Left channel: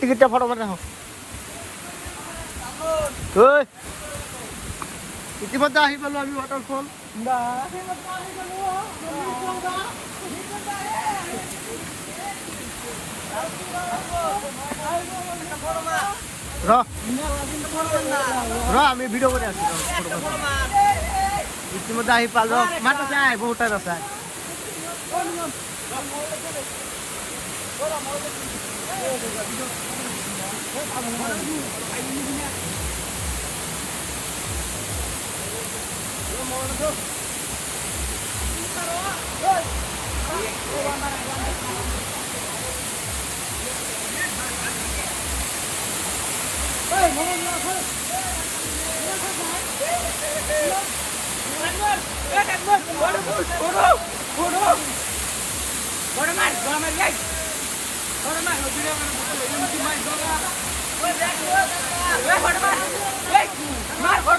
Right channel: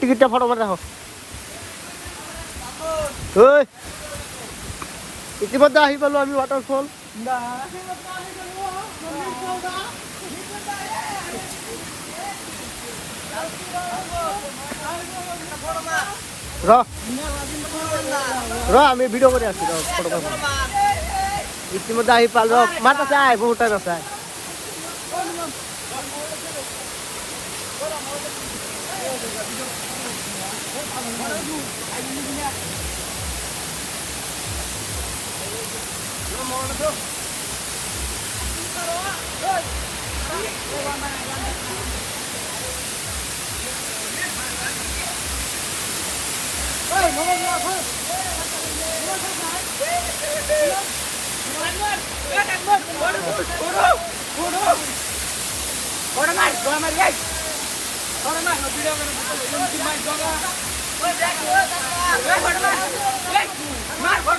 টিকিটটা ফটো মারে রাখো। ইতিমধ্যে আহি পালো আমি ওয়াটারফল। আমি ভিডিও করে আসছি ফটো ইতিমধ্যে আহি পাল মাথা চাই বউটা চাই